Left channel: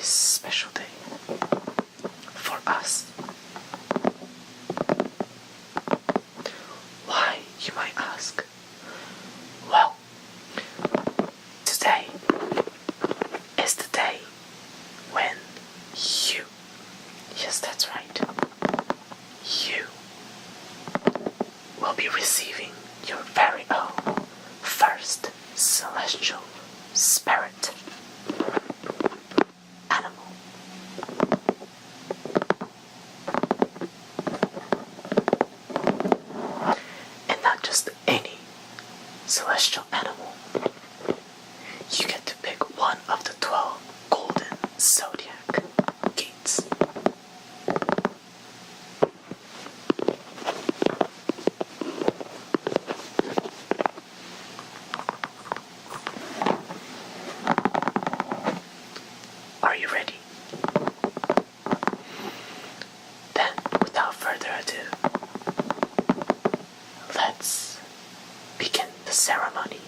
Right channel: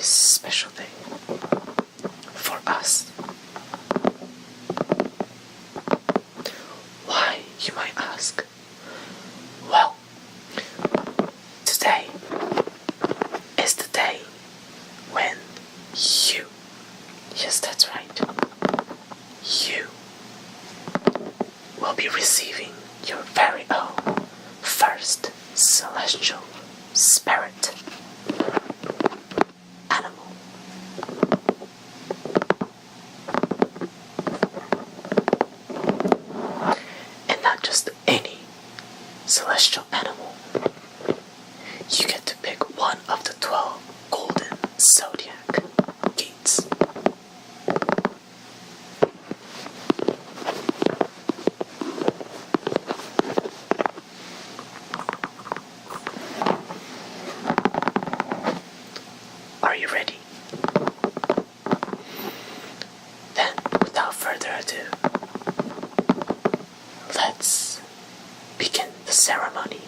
very special day for us. Why, you might ask? Well, today is the day when you, yes, that's right, you will be receiving your very own first celestial spirit animal. And not just any celestial animal. You get to pick one of the 12 golden zodiac keys. Are you ready? Then, without further ado, let's begin the ceremony.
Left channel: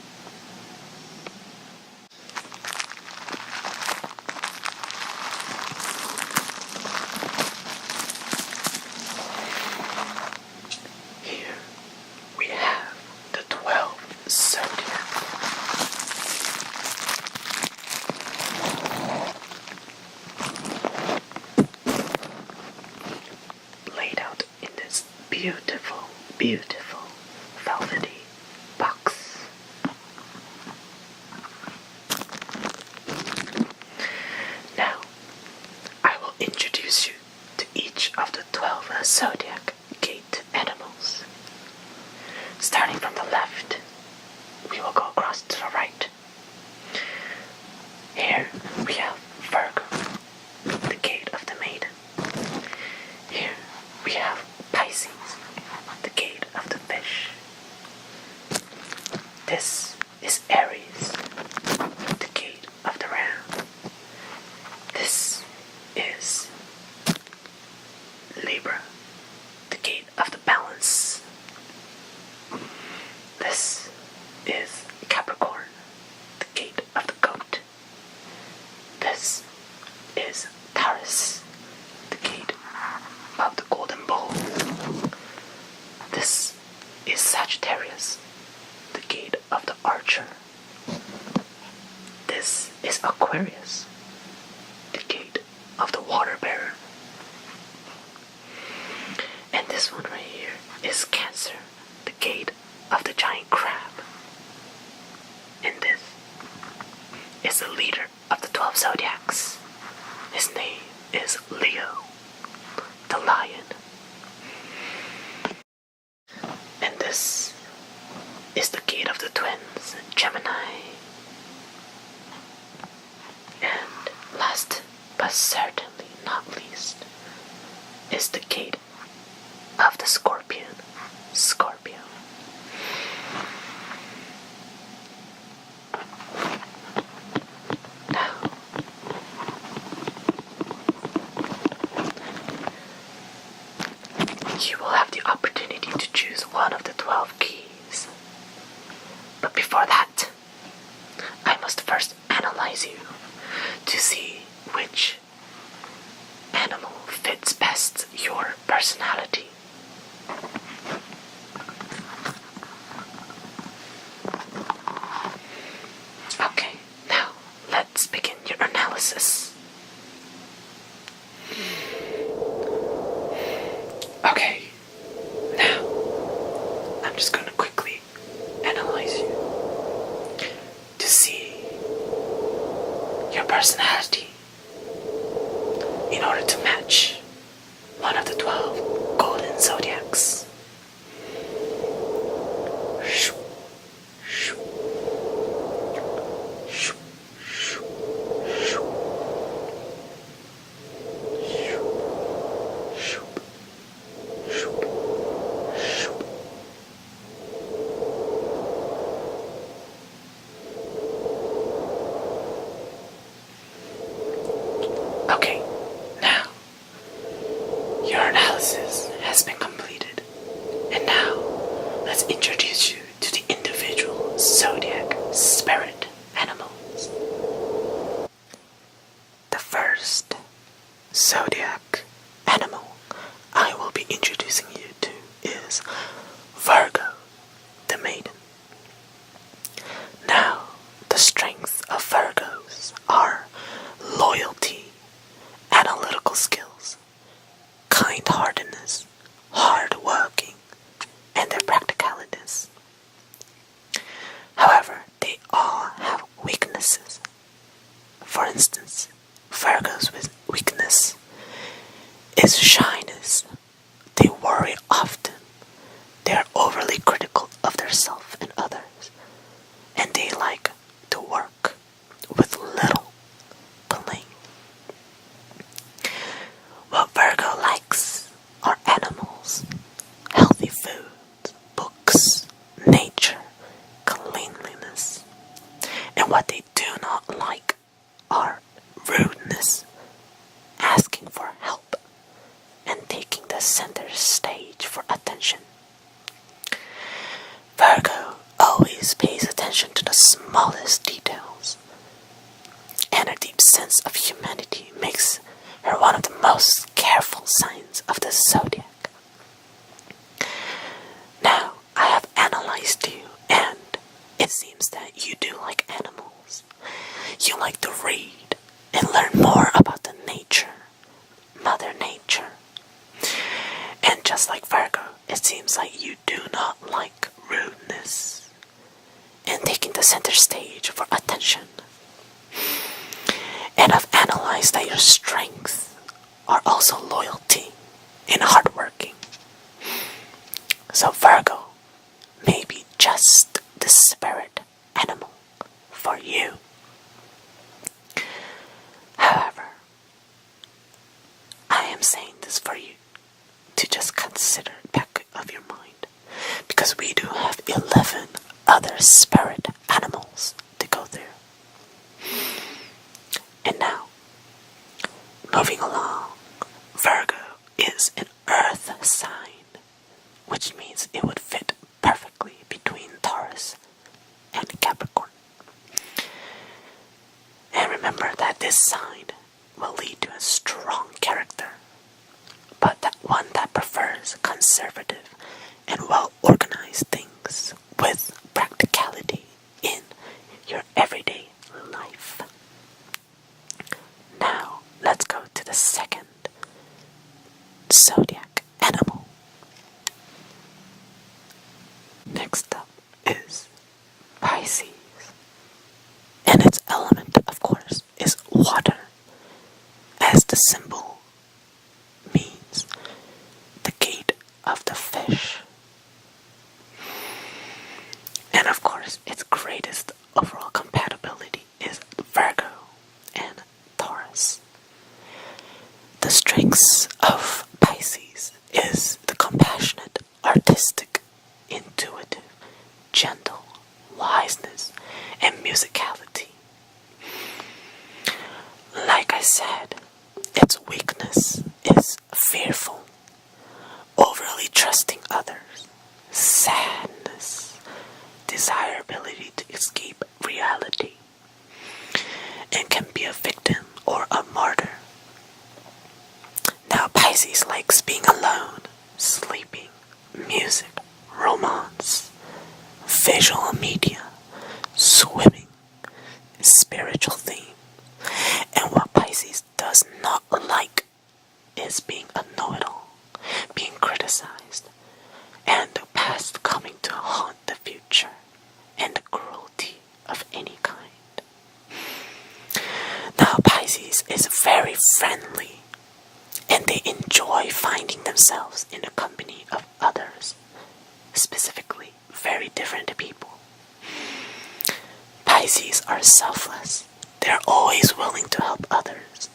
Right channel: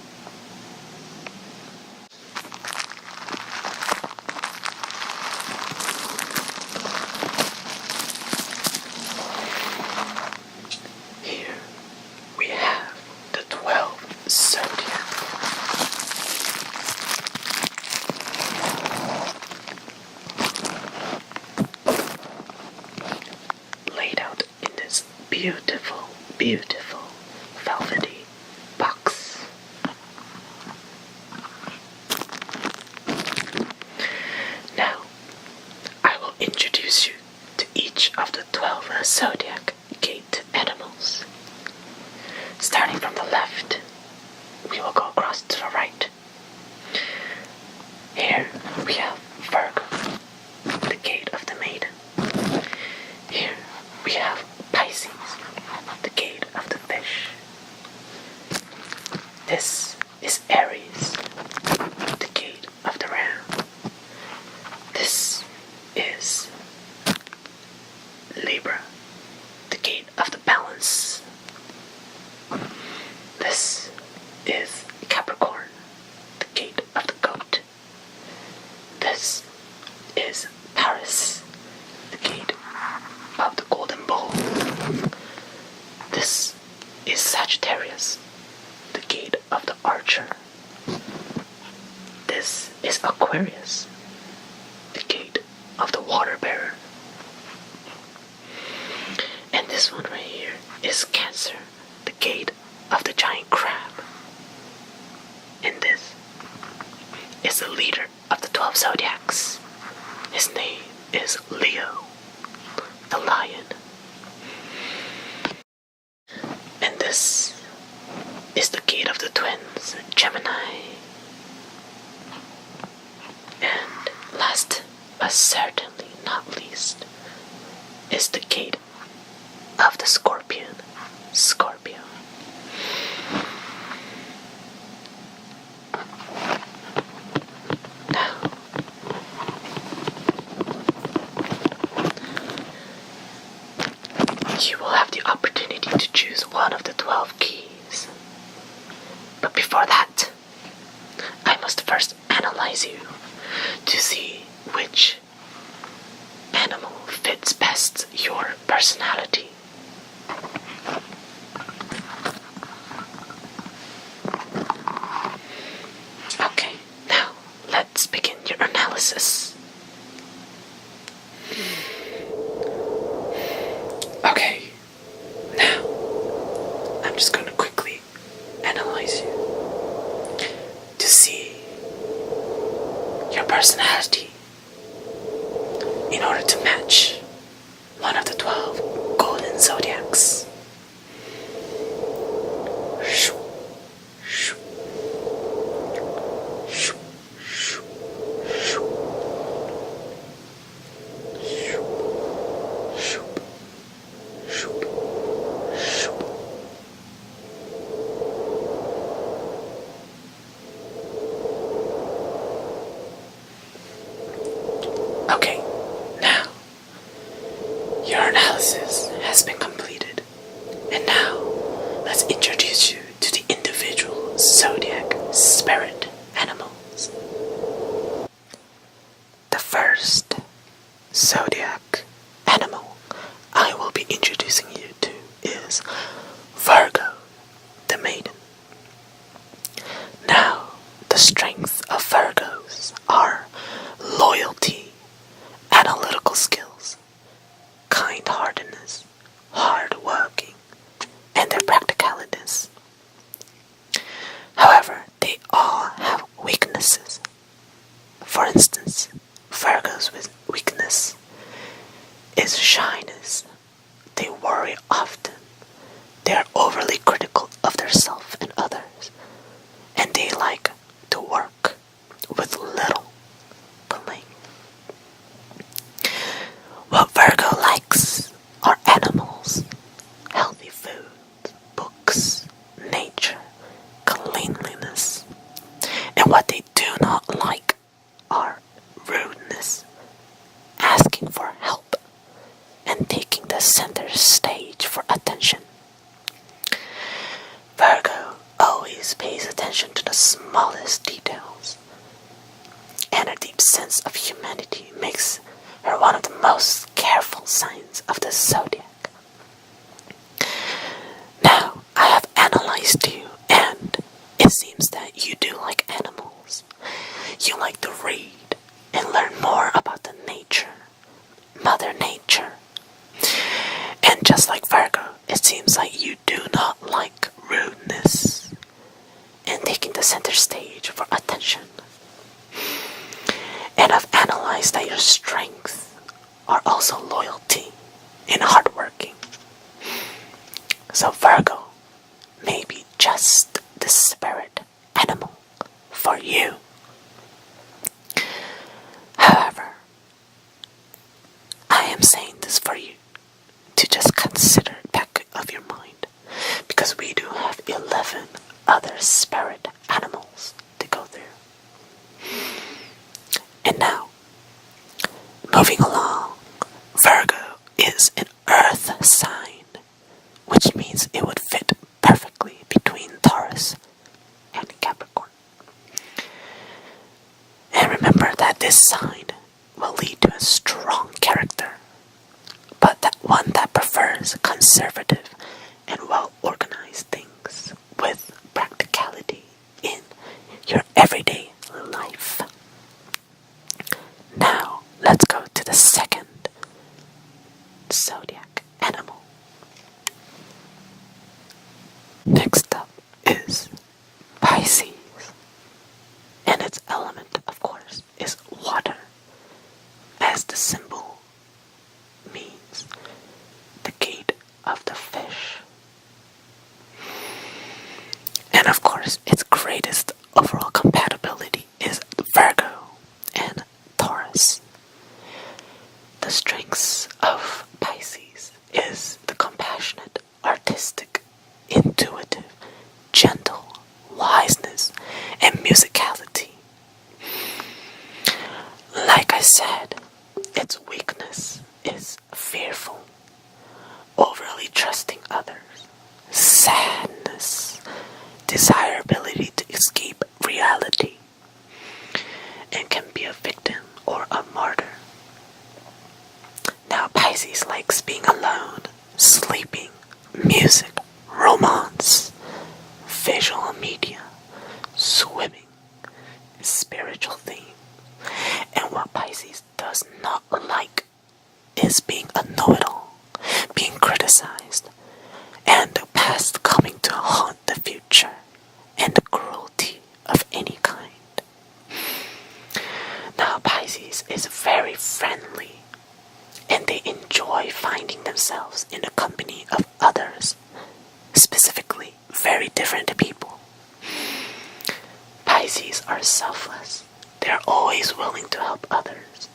Here we have the 12 zodiac. Laid out in this beautiful, beautiful velvety box. Now, I will introduce you to each of the 12 zodiac gate animals. Starting from the left, we will go across to the right. Here we have Virgo, the gate of the maiden. Here we have Pisces, the gate of the fish. This is Aries, the gate of the ram. This is Libra, the gate of the balance. This is Capricorn, the gate of the goat. This is Taurus, the gate of the golden bull. This is Sagittarius, the gate of the archer. This is Aquarius, the gate of the water bearer. And this one right here is Cancer, the gate of the giant crab. And this is the leader of the 12 zodiacs. His name is Leo, the lion. And this is the gate of the twins, Gemini. And last but certainly not least is the gate of the scorpion, Scorpio. Now, you will have the opportunity to choose one of the 12 keys. But before that, I must first analyze you to see which animal fits best your personality. Okay, now let's begin your analysis. Okay, now I'm just going to quickly analyze you to see your personality in order to match one of the 12 golden zodiacs. Okay, now your analysis has been completed. zodiac animal I will be introducing you to is Virgo, the maiden. Now, the strength of Virgos are loyalty, analytical skills, kind-heartedness, hard-working, and their practicalities. However, they all have weaknesses. For instance, Virgo's weakness is shyness. They worry often. They are overly critical of themselves and others, and they like to work with little blame. What Virgo likes are animals, healthy food, books, nature, cleanliness. And what they do not like are rudeness, asking for help, and taking the center stage for attention. Virgo always pays attention to the smallest details, and her deep sense of humanity makes her one of the most careful signs of the zodiac. Now, I have analyzed you, and it seems that you do like animals. You like to read and learn more about the nature, Mother Nature. And just like Virgo, it seems like you do not like rudeness and taking the center stage for attention. And I've analyzed that your strengths are also loyalty and hardworking. So Virgo may be just the spirit animal for you. However, I am saying this for you to just consider it back of your mind, because we do have 11 other spirit animals to go through. And now, moving along, Virgo is an earth sign, which means it would fit perfectly between Taurus and Capricorn. And remember that this sign will lead to a strong character, but that one that prefers conservative and well-organized things with practicality in your everyday life. Now, let's go to the second zodiac animal. Next up is Pisces, and its element, of course, is water, as the symbol means the gate of the fish. And of course, its greatest overall compatibility is Virgo and Taurus. The strengths of Pisces is the compassionate, artistic, intuitive, gentle, wiseness, and musicality. Like I said, its weakness is fearful, overly trusting others, sadness, desirability to escape reality, and can be a victim or a martyr. Now, Pisces likes being alone, sleeping, music, romance, visual media, swimming, spiritual theme. And what Pisces does not like is being a know-it-all, being criticized, and the past coming to haunt the future, and the cruelty of any kind. Now, Pisces is very friendly, and they enjoy finding themselves in the company of others, specifically very different people. Pisces are selfless. They are always willing to help others,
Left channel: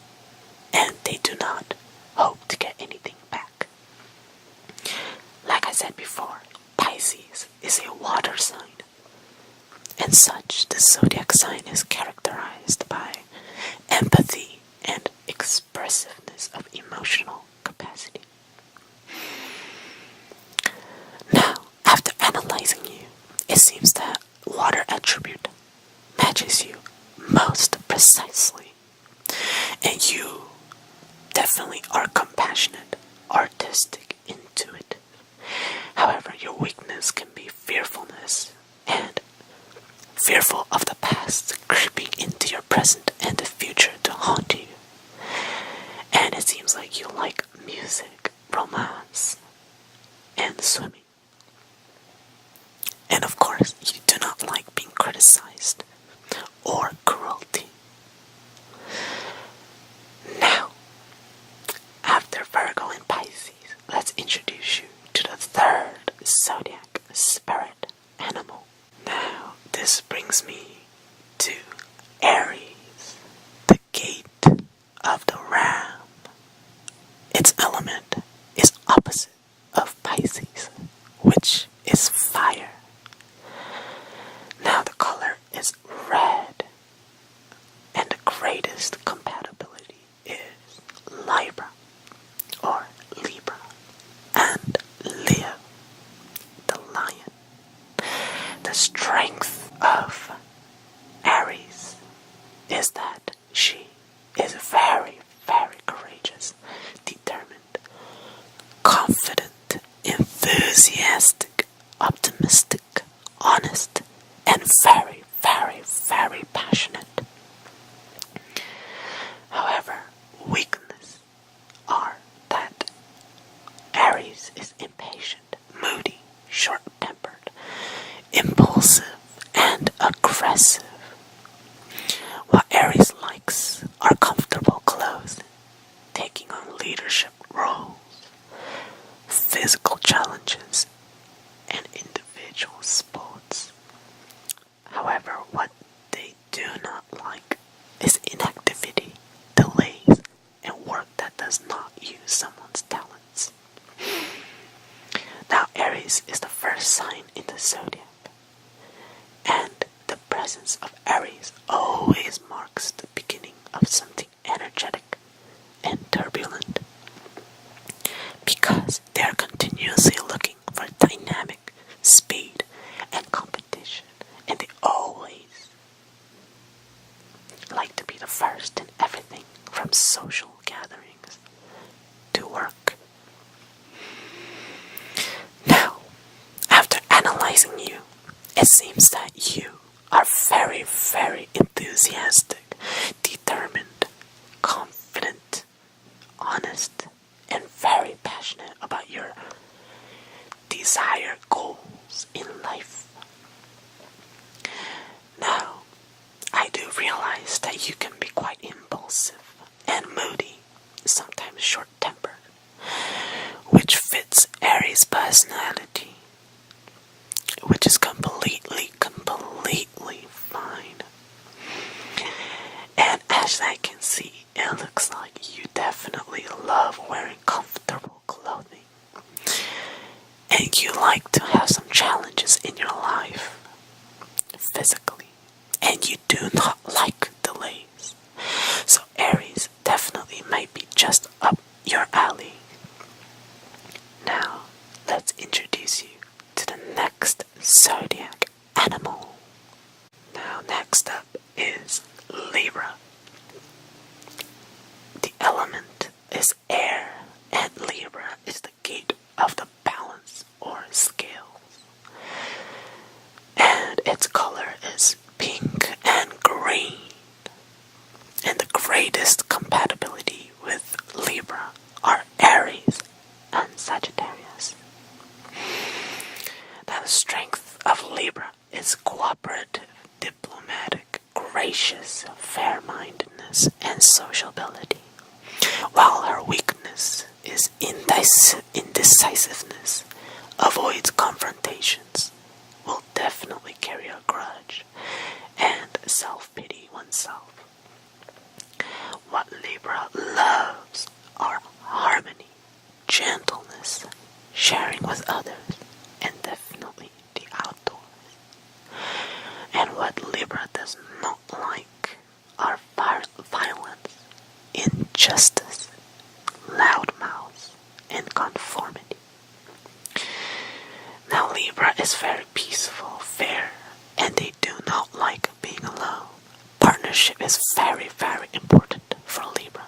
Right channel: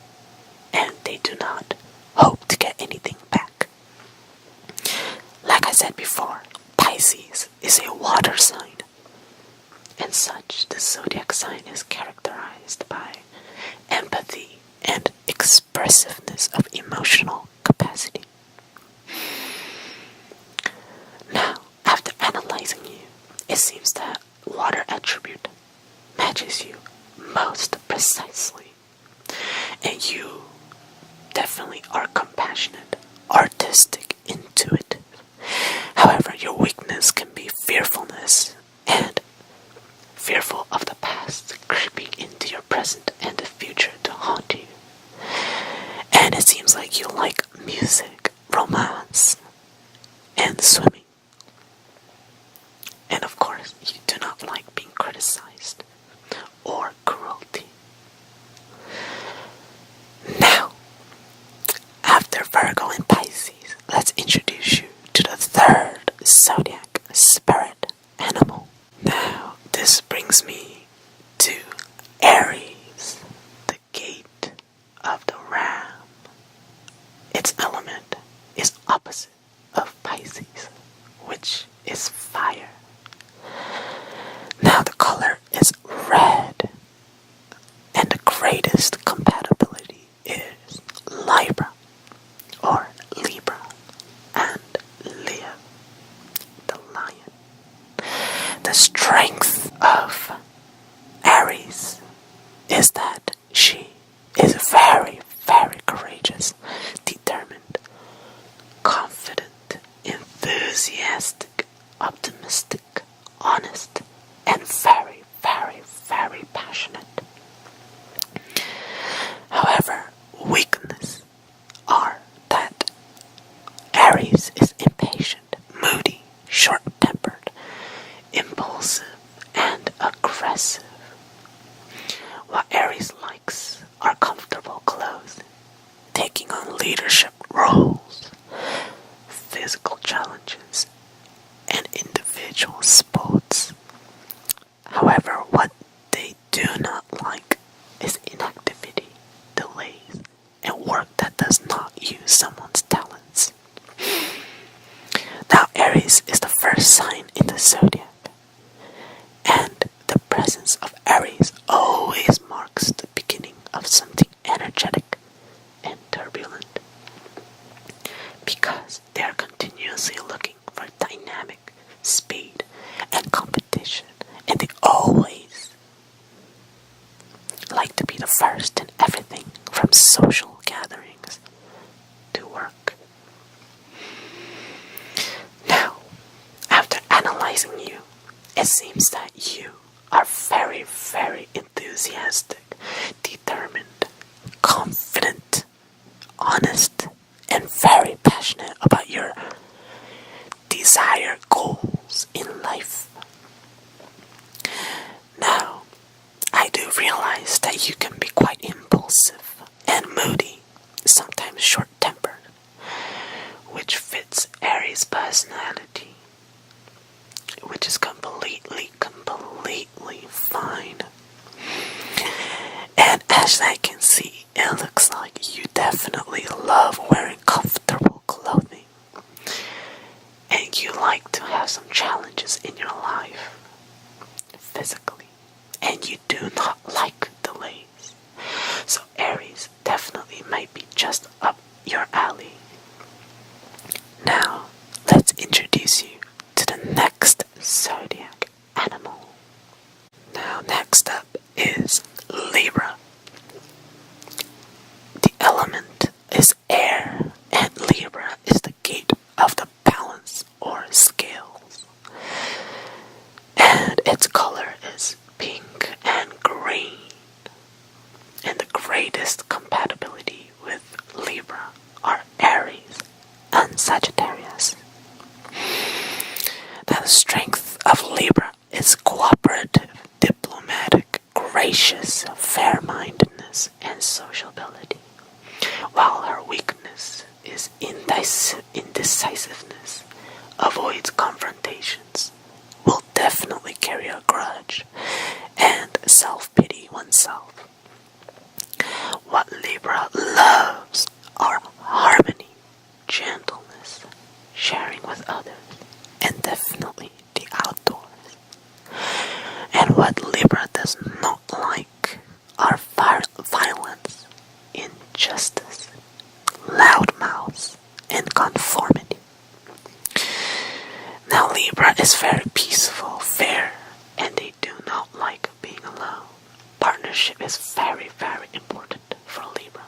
and they do not hope to get anything back. Like I said before, Pisces is a water sign, and such the zodiac sign is characterized by empathy and expressiveness of emotional capacity. Now, after analyzing you, it seems that water attribute matches you most precisely, and you definitely are compassionate, artistic, intuitive. However, your weakness can be fearfulness and fearful of the past creeping into your present and the future to haunt you. And it seems like you like music, romance, and swimming. And of course, you do not like being criticized or cruelty. Now, after Virgo and Pisces, let's introduce you to the third zodiac spirit animal. Now, this brings me to Aries, the gate of the ram. Its element is opposite of Pisces, which is fire. Now the color is red, and the greatest compatibility is Libra, or Libra, and Leo, the lion. The strength of Aries is that she is very, very courageous, determined, confident, enthusiastic, optimistic, honest, and very, very, very passionate. However, weaknesses are that Aries is impatient, moody, short-tempered, impulsive, and aggressive. What Aries likes are comfortable clothes, taking on leadership roles, physical challenges, and individual sports. However, what they do not like is inactivity, delays, and work that does not use someone's talents. Now, Aries is the first sign in the zodiac, and the presence of Aries always marks the beginning of something energetic and turbulent, because they are continuously looking for dynamic, speed, and competition, and they always like to be the first in everything from social gatherings to work. Now, after analyzing you, it seems that you are very, very enthusiastic, determined, confident, honest, and very passionate about your desired goals in life. Now, I do realize that you can be quite impulsive and moody, sometimes short-tempered, which fits Aries' personality, which is completely fine. And as I can see, it looks like you definitely love wearing comfortable clothing, and you like to have some challenges in your life, physically, and you do not like delays. So Aries definitely might be just up your alley. Now, let's introduce you to the next zodiac animal. Now, next up is Libra. The element is air, and Libra is the gate of the balance or scales. And its color is pink and green. And the greatest compatibility with Libra are Aries and Sagittarius. Now, the strength of Libra is cooperative, diplomatic, gracious, fair-mindedness, and sociability, while her weakness is indecisiveness, avoids confrontations, will definitely carry a grudge, and self-pity oneself. What Libra loves are harmony, gentleness, sharing with others, and definitely the outdoors. And what Libra does not like are violence, injustice, loud mouths, and conformity. Now, Libra is very peaceful, fair, and they do not like being alone. Partnership is very, very important for Libra.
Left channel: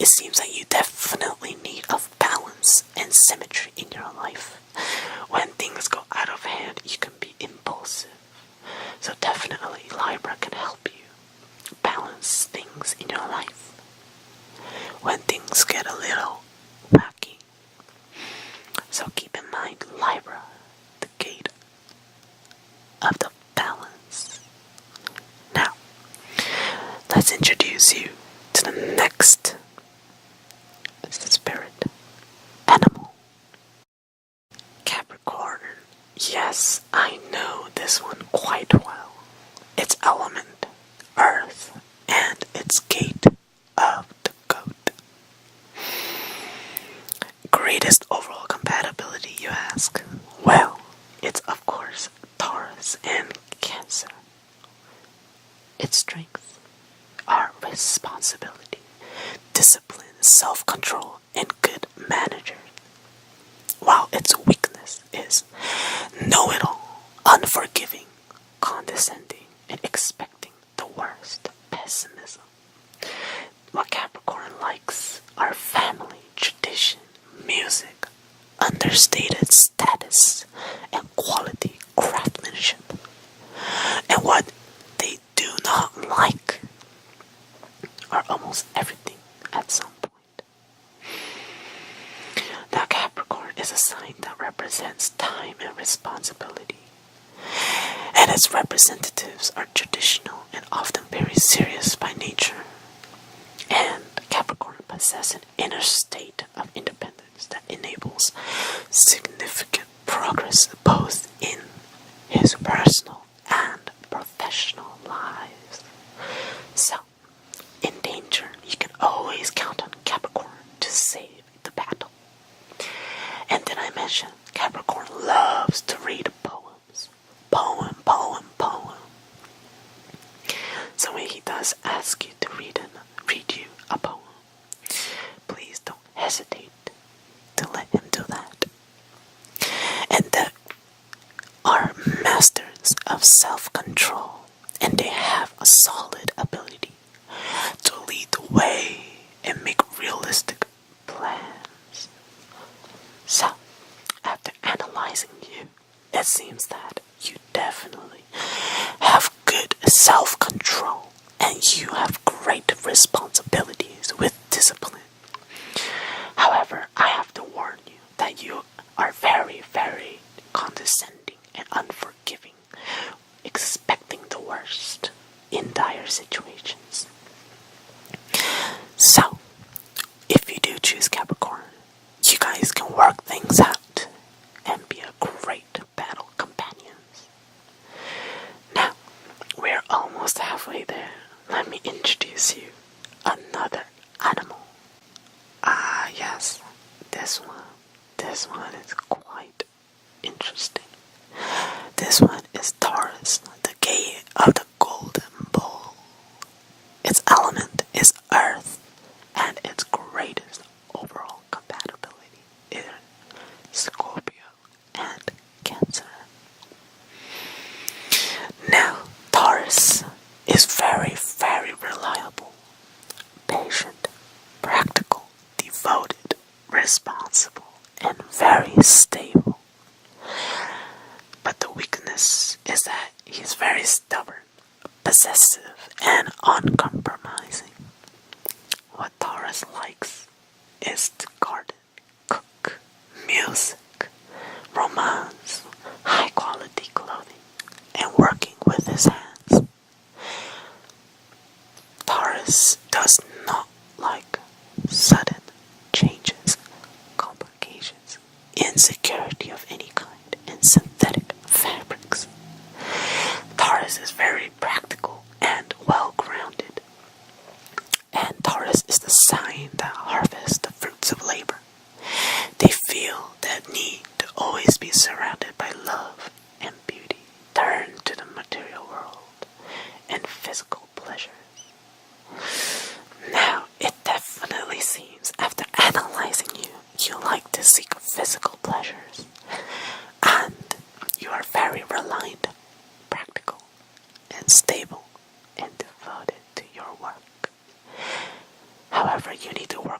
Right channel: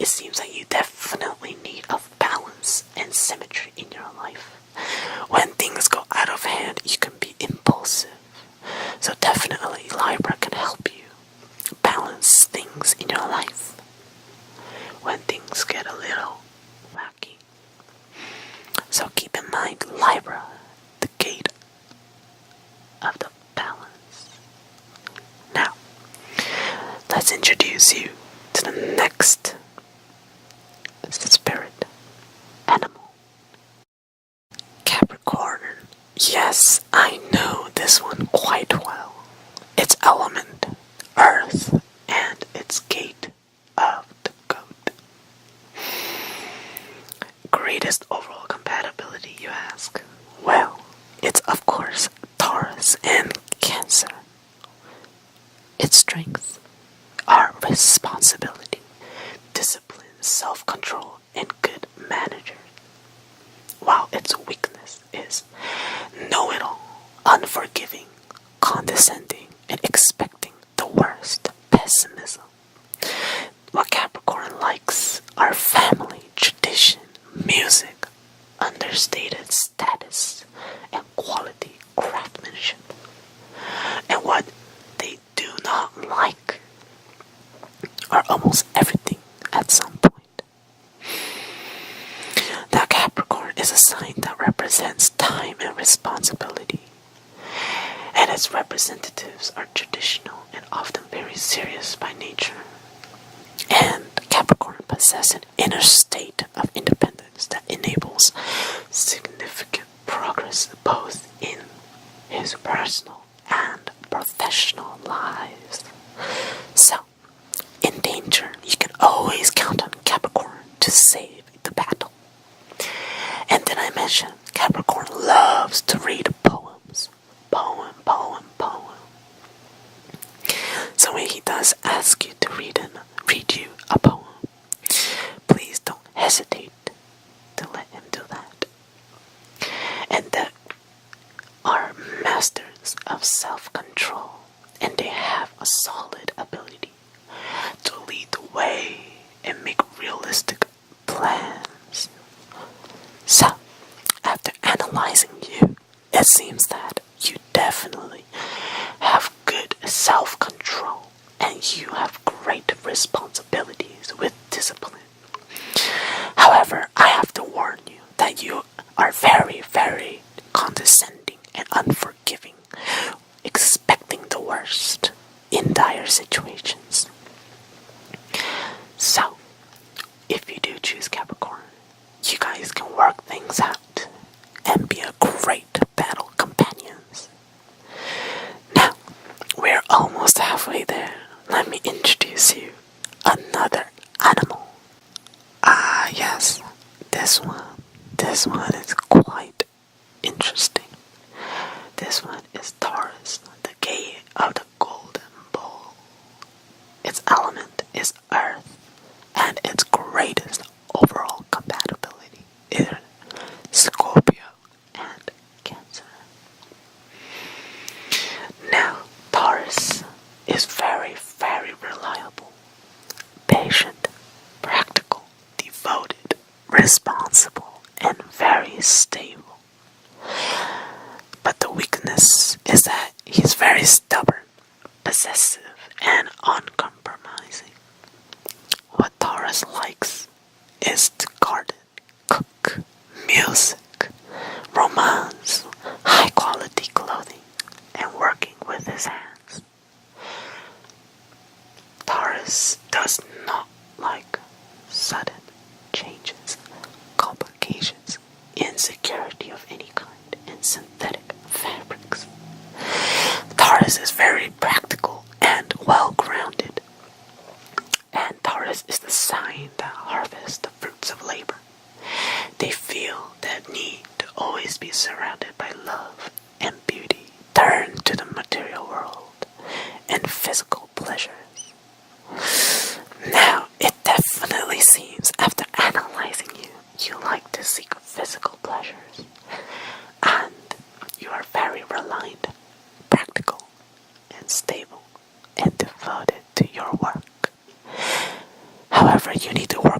it seems that you definitely need of balance and symmetry in your life. When things go out of hand, you can be impulsive. So definitely Libra can help you balance things in your life when things get a little wacky. So keep in mind, Libra, the gate of the balance. Now, let's introduce you to the next spirit animal. Capricorn. Yes, I know this one quite well. Its element, earth, and its gate of the goat. Greatest overall compatibility, you ask? Well, it's of course Taurus and Cancer. Its strengths are responsibility, discipline, self-control, and good manager. While its weakness is know-it-all, unforgiving, condescending, and expecting the worst, pessimism. What Capricorn likes are family, tradition, music, understated status, and quality craftsmanship. And what they do not like are almost everything at some point. Now Capricorn is a sign that represents time and responsibility, and its representatives are traditional and often very serious by nature. And Capricorn possesses an inner state of independence that enables significant progress both in his personal and professional lives. So, in danger, you can always count on Capricorn to save the battle. And then I mentioned Capricorn loves to read poems. Poem. So when he does ask you to read you a poem, please don't hesitate to let him do that. And they are masters of self-control, and they have a solid ability to lead the way and make realistic plans. So, after analyzing you, it seems that you definitely have good self-control and you have great responsibilities with discipline. However, I have to warn you that you are very, very condescending and unforgiving, expecting the worst in dire situations. So, if you do choose Capricorn, you guys can work things out and be a great battle companions. Now, we're almost halfway there. Let me introduce you another animal. Yes, this one is quite interesting. This one is Taurus, the gate of the golden bull. Its element is earth, and its greatest overall compatibility is Scorpio and Cancer. Now, Taurus is very, very reliable, patient, practical, devoted, responsible, and very stable. But the weakness is that he's very stubborn, possessive, and uncompromising. What Taurus likes is to garden, cook, music, romance, high quality clothing, and working with his hands. Taurus does not like sudden changes, complications, insecurity of any kind, and synthetic fabrics. Taurus is very practical and well-grounded. And Taurus is the sign that harvests the fruits of labor. They feel that need to always be surrounded by love and beauty, turn to the material world and physical pleasures. Now, it definitely seems after analyzing you, you like to seek physical pleasures, and you are very reliant, practical, and stable, and devoted to your work. However, you need to work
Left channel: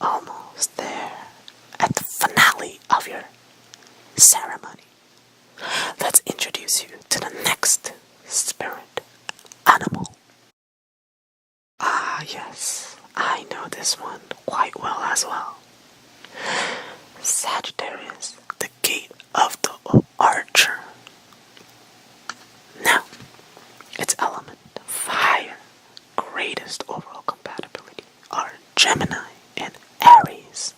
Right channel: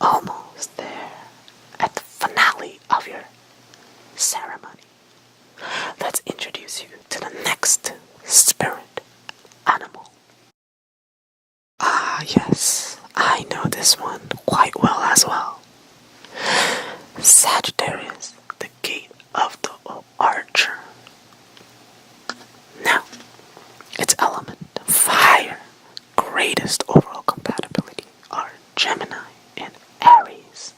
almost there at the finale of your ceremony. Let's introduce you to the next spirit animal. Ah, yes, I know this one quite well as well. Sagittarius, the gate of the archer. Now, its element, fire, greatest overall compatibility are Gemini and Aries.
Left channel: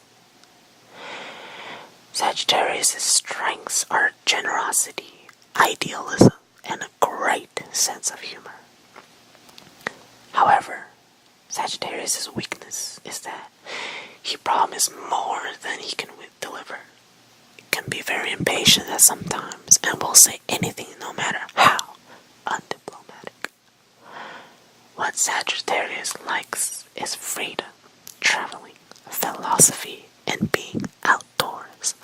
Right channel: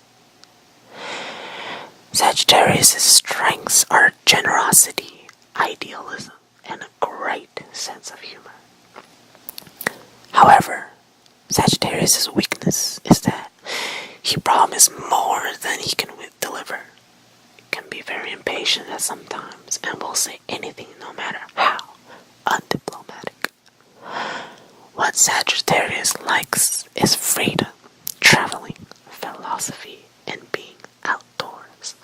Sagittarius' strengths are generosity, idealism, and a great sense of humor. However, Sagittarius' weakness is that he promises more than he can deliver. He can be very impatient at sometimes and will say anything no matter how undiplomatic. What Sagittarius likes is freedom, traveling, philosophy, and being outdoors.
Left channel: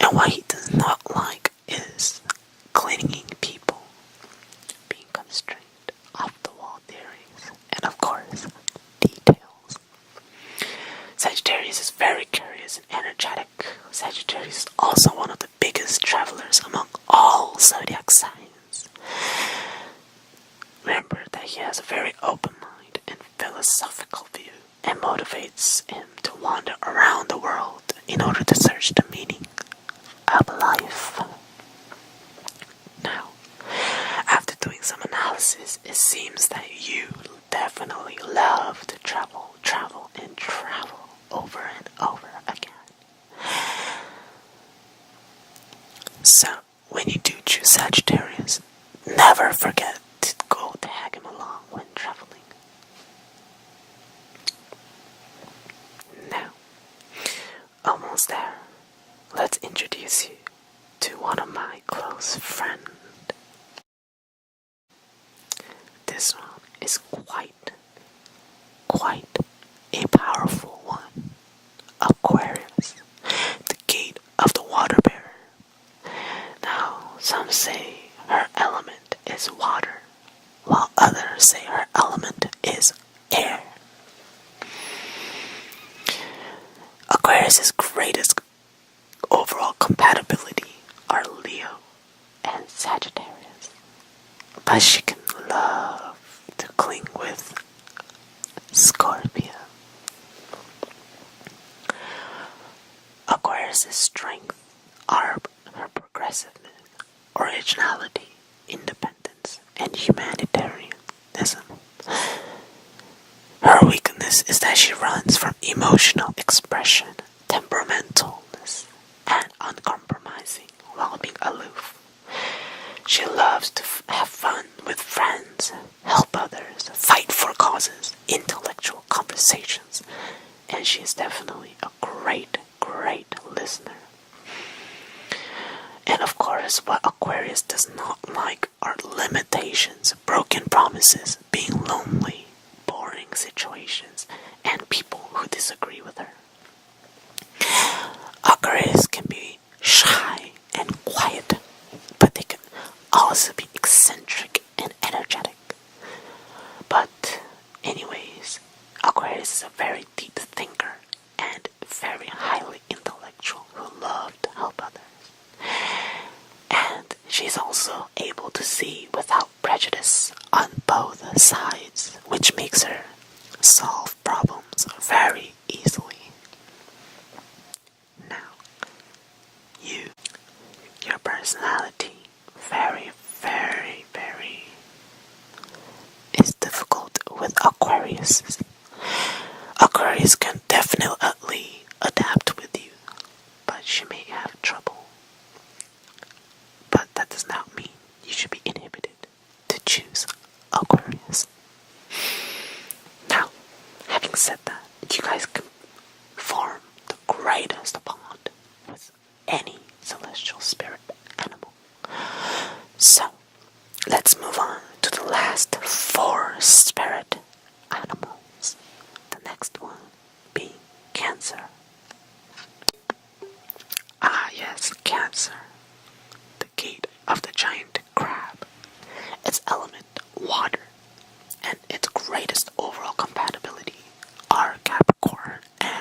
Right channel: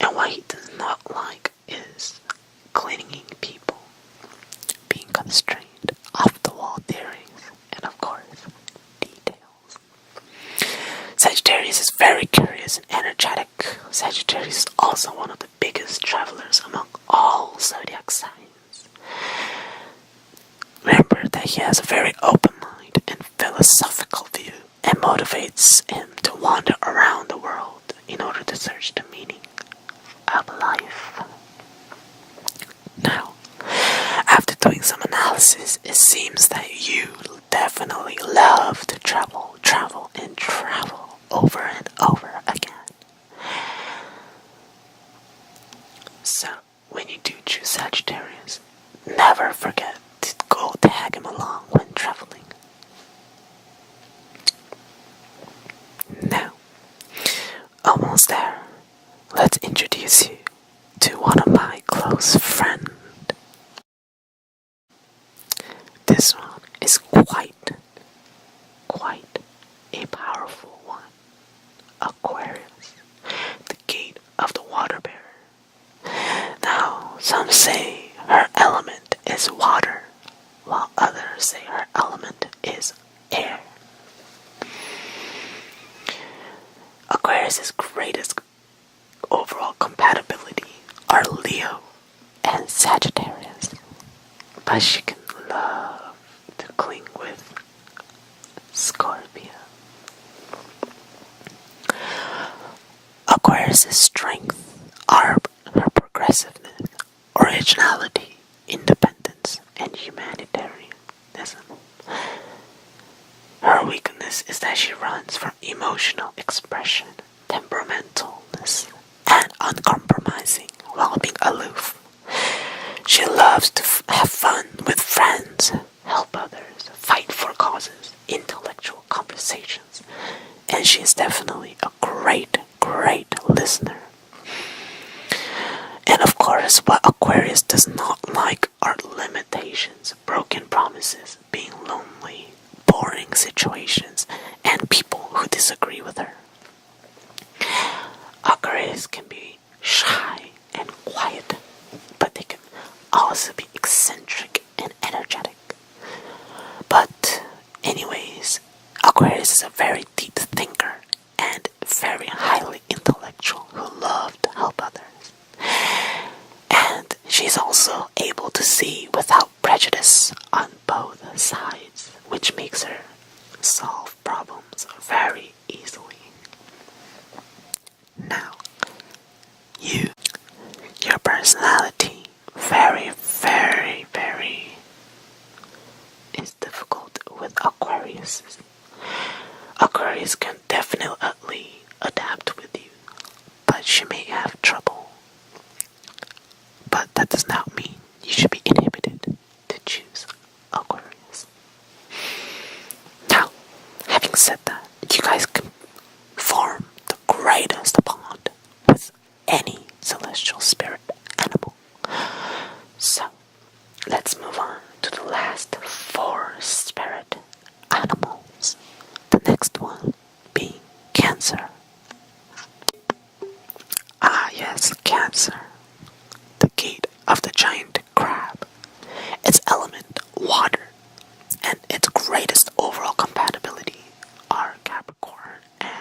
And what he does not like is clinging people, being constrained, off-the-wall theories, and of course, details. Sagittarius is very curious and energetic. Sagittarius is also one of the biggest travelers among all zodiac signs. Remember that he has a very open mind and philosophical view, and motivates him to wander around the world in order to search the meaning of life. Now, after doing some analysis, it seems that you definitely love to travel over and over again. So, when you do choose Sagittarius, never forget to go tag him along when traveling. Now, almost there. Let's introduce you to one of my close friends. This one is quite a powerful one. Aquarius, the gate of the water bearer. Now, some say her element is water, while others say her element is air. Aquarius' greatest overall compatibility are Leo and Sagittarius, but she can love to cling with Scorpio. Aquarius' strength are her progressiveness, originality, independence, and humanitarianism. Her weakness is that she runs from emotional expression, temperamentalness, and uncompromising while being aloof. She loves to have fun with friends, help others, fight for causes, intellectual conversations, and she is definitely a great listener. And of course, what Aquarius does not like are limitations, broken promises, being lonely, boring situations, and people who disagree with her. Aquarius can be shy and quiet, but they can also be eccentric and energetic. But anyways, Aquarius is a very deep thinker and very highly intellectual who loves to help others. And she's also able to see without prejudice on both sides, which makes her solve problems very easily. Now, your personality, very is difficult with Aquarius. Aquarius can definitely adapt with you, but she may have trouble. But that does not mean you should be inhibited to choose Aquarius. Now, having said that, you guys can form the greatest bond with any celestial spirit animal. So, let's move on to the last 4 spirit animals. The next one being Cancer. Ah yes, Cancer. The gate of the giant crab. Its element, water, and its greatest overall compatibility are Capricorn and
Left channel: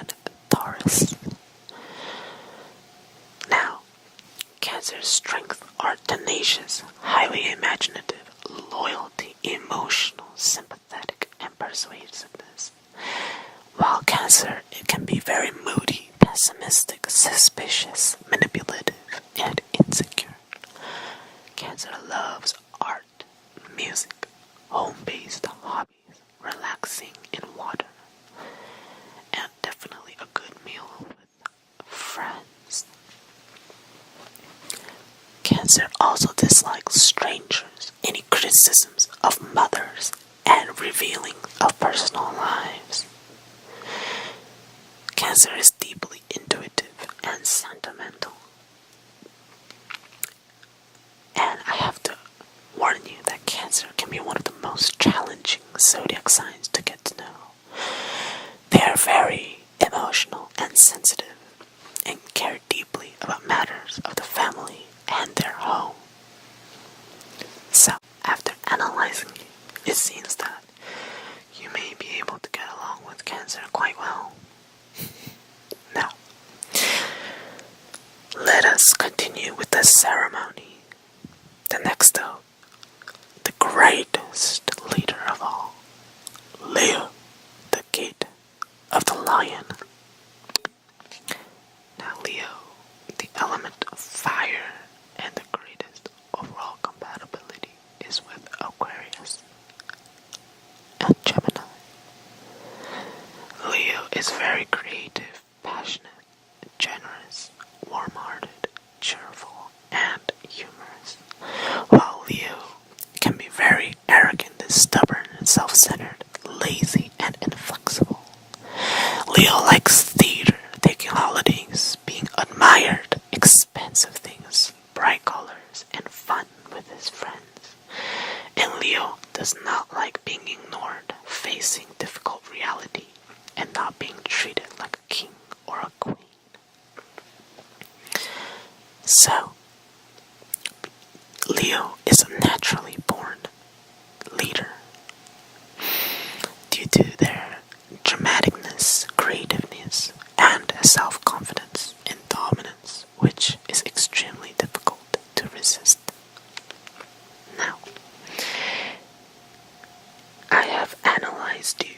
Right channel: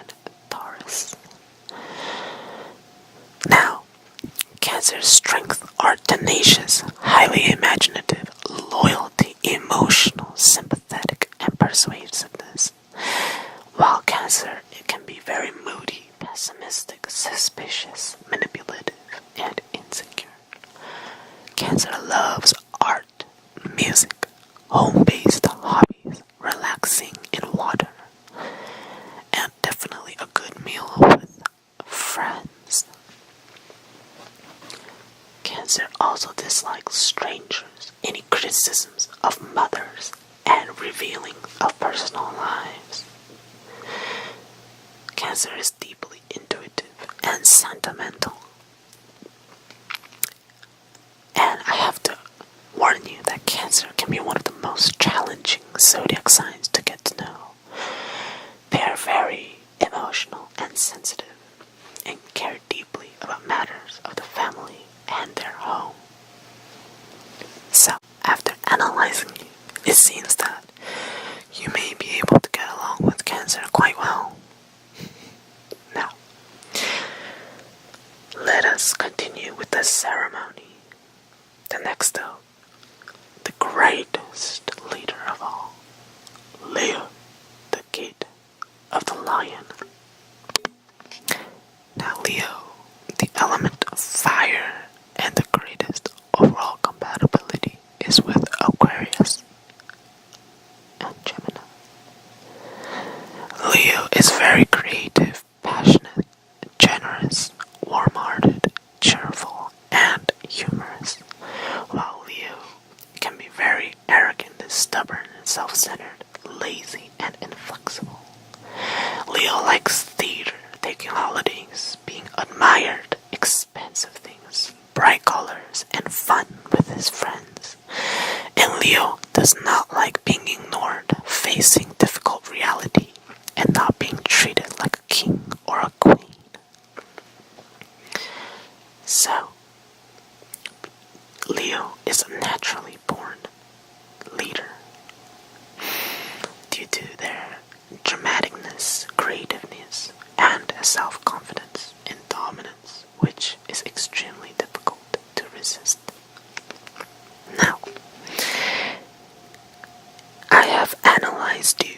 home-based hobbies, relaxing in water, and definitely a good meal with friends. Cancer also dislikes strangers, any criticisms of mothers, and revealing of personal lives. Cancer is deeply intuitive and sentimental. And I have to warn you that Cancer can be one of the most challenging zodiac signs to get to know. They are very emotional and sensitive and care deeply about matters of the family and their home. So, after analyzing you, it seems that you may be able to get along with Cancer quite well. Now, let us continue with the ceremony. The next up, the greatest leader of all, Leo, the gate of the lion. Now Leo, the element of fire and the greatest overall compatibility is with Aquarius and Gemini. Leo is very creative, passionate, generous, warm-hearted, cheerful, and humorous, while Leo can be very arrogant, stubborn, self-centered, lazy, and inflexible. Leo likes theater, taking holidays, being admired, expensive things, bright colors, and fun with his friends. And Leo does not like being ignored, facing difficult reality, and not being treated like a king or a queen. So, Leo is a naturally born leader due to their dramaticness, creativeness, and self-confidence and dominance, which is extremely difficult to resist. Now, I have analyzed you,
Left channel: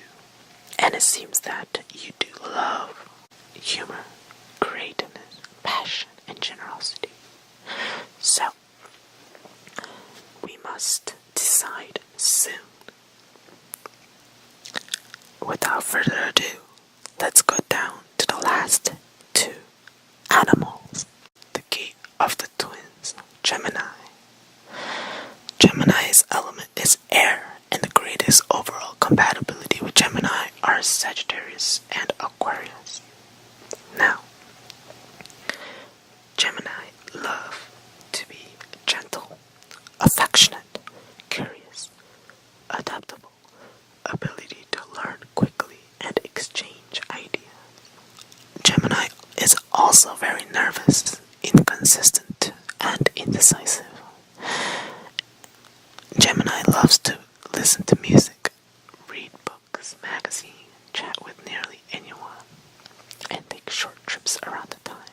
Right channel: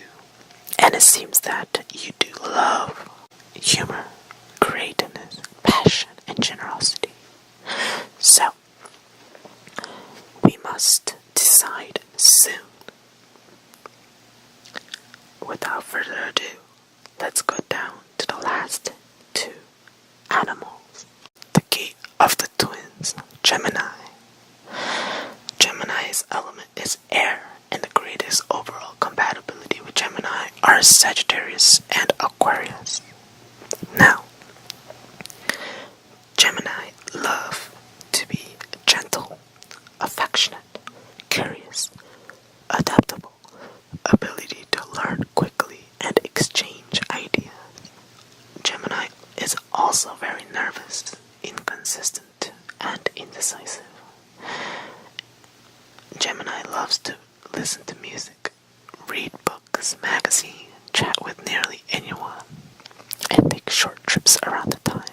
and it seems that you do love humor, creativeness, passion, and generosity. So, we must decide soon. Without further ado, let's go down to the last two animals. The gate of the twins, Gemini. Gemini's element is air, and the greatest overall compatibility with Gemini are Sagittarius and Aquarius. Now, Gemini love to be gentle, affectionate, curious, adaptable, ability to learn quickly and exchange ideas. Gemini is also very nervous, inconsistent, and indecisive. Gemini loves to listen to music, read books, magazines, chat with nearly anyone, and take short trips around the time.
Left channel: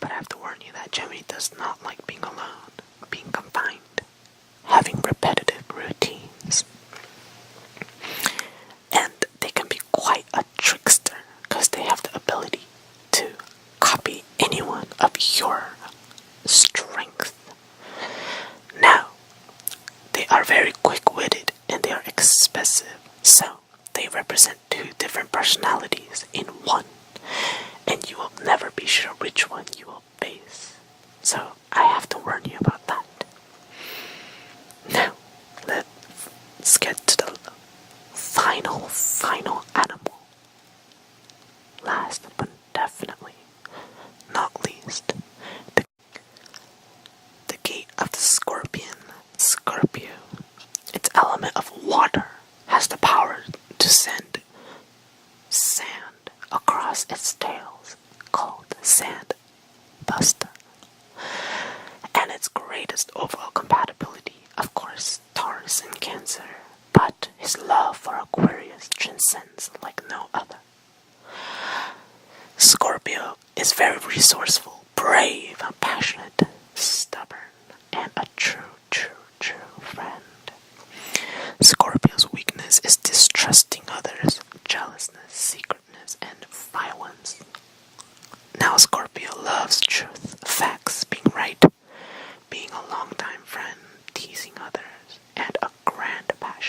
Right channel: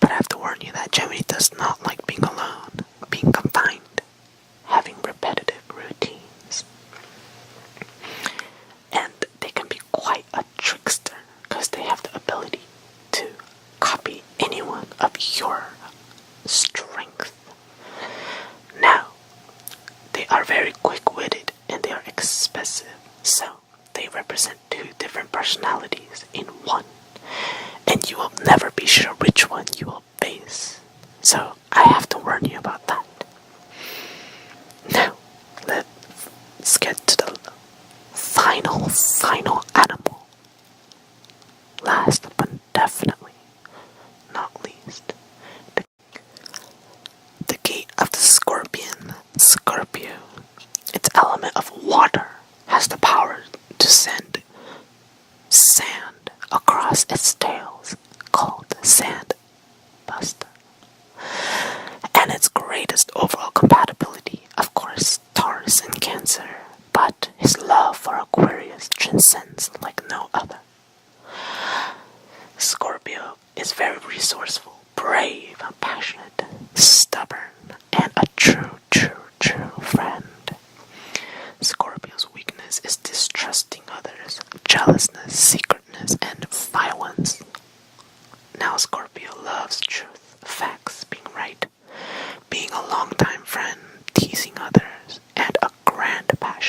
But I have to warn you that Gemini does not like being alone, being confined, having repetitive routines. And they can be quite a trickster because they have the ability to copy anyone of your strength. Now, they are very quick-witted and they are expressive, so they represent two different personalities in one, and you will never be sure which one you will face. So I have to warn you about that. Now, let's get to the final animal. Last but definitely not least, the gate of the Scorpion, Scorpio. Its element of water has the power to send sand across its tails, called sand buster. And its greatest overall compatibility, of course, Taurus and Cancer, but his love for Aquarius transcends like no other. Scorpio is very resourceful, brave, passionate, stubborn, and a true friend. Scorpio's weakness is distrusting others, jealousness, secretness, and violence. Now Scorpio loves truth, facts, being right, being a longtime friend, teasing others, and a grand passion.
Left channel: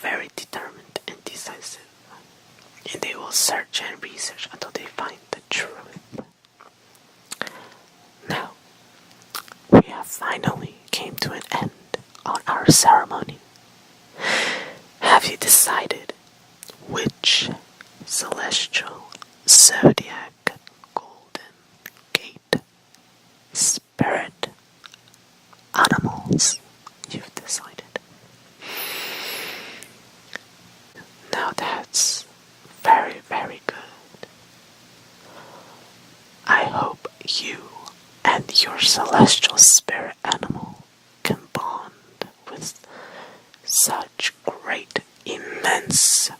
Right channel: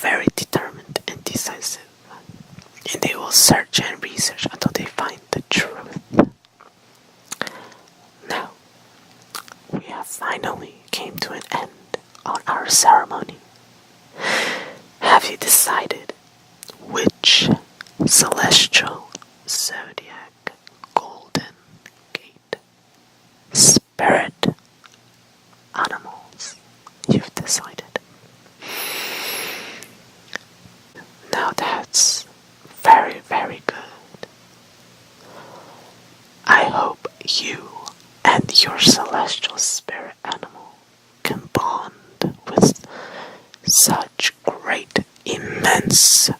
very determined and decisive, and they will search and research until they find the truth. Now, we have finally came to an end on our ceremony. Have you decided which celestial zodiac golden gate spirit animals you've decided? Now that's very, very good. I hope you and your celestial spirit animal can bond with such great, immense